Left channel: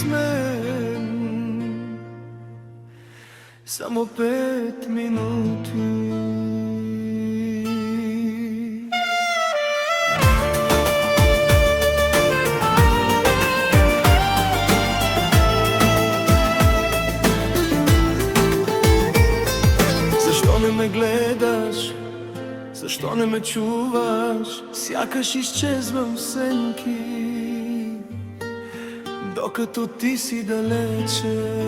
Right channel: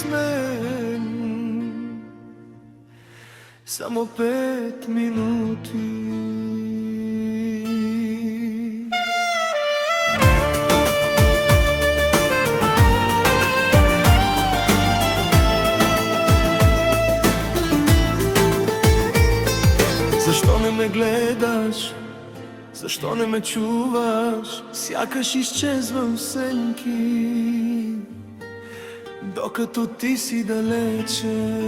с мен. Само 5 минути. Защо не ме гледаш? Защо не ме чуваш? Сякаш изчезвам в сенки, докато ти си далече.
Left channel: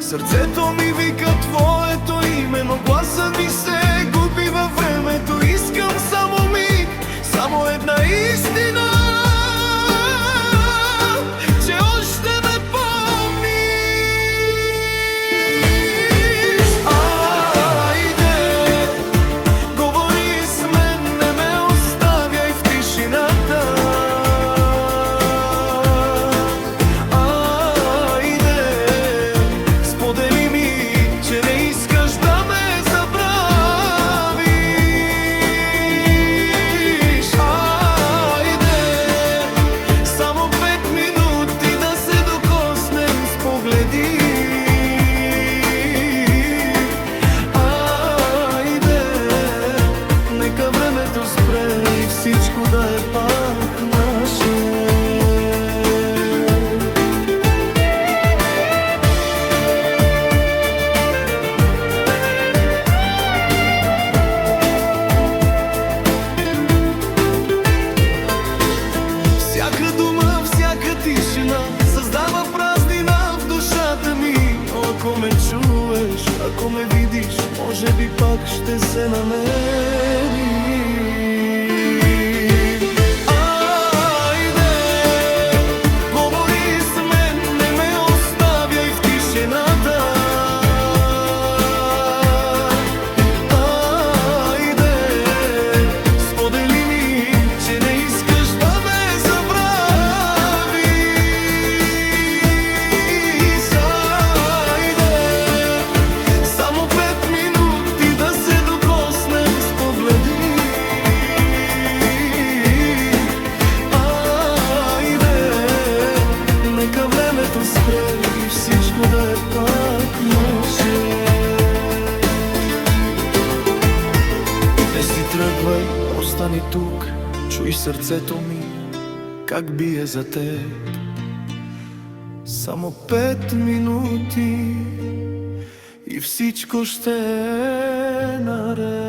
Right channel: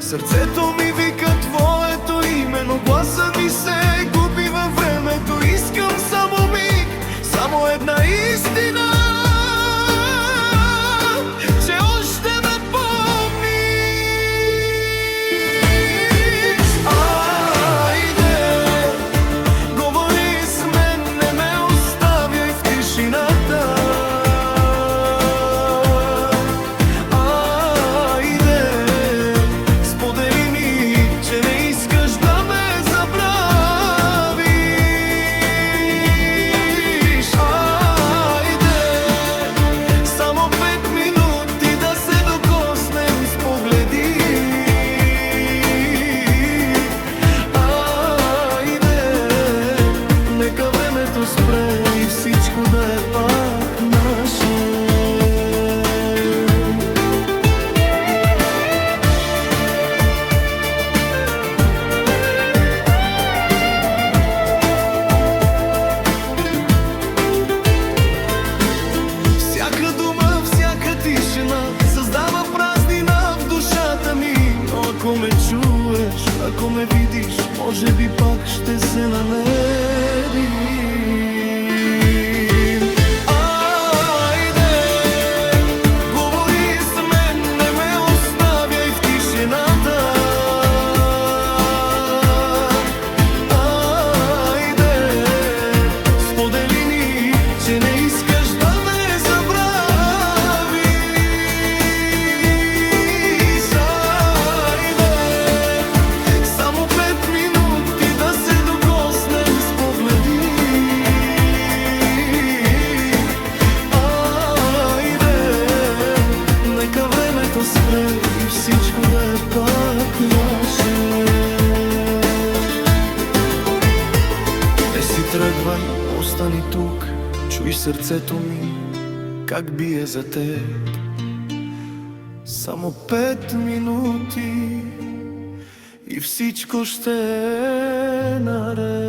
Сърцето ми вика твоето име, но гласът ми се губи във времето. Искам само миг, само една истина, че още ме помниш. Айде, говори с мен, не ме оставяй в тишината. Сподели ми, че не искаш да ме забравиш. Айде, само 5 минути да се докоснем с погледи. Айде, нека времето спре и всичко да е пак наше. Всяка дума, всяка тишина създава празнина в душата ми. Но ако ме чуеш, ако ме видиш, може би пак ще се намерим. Айде, говори с мен, не ме оставяй в тишината. Айде, сподели ми, че не искаш да ме забравиш. Айде, само 5 минути да се докоснем с погледи. Айде, нека времето спре и всичко да е пак наше. Не си тръгвай, остани тук. Чуй сърцето ми, как бие за теб. Само 5 минути и всичко ще е наред.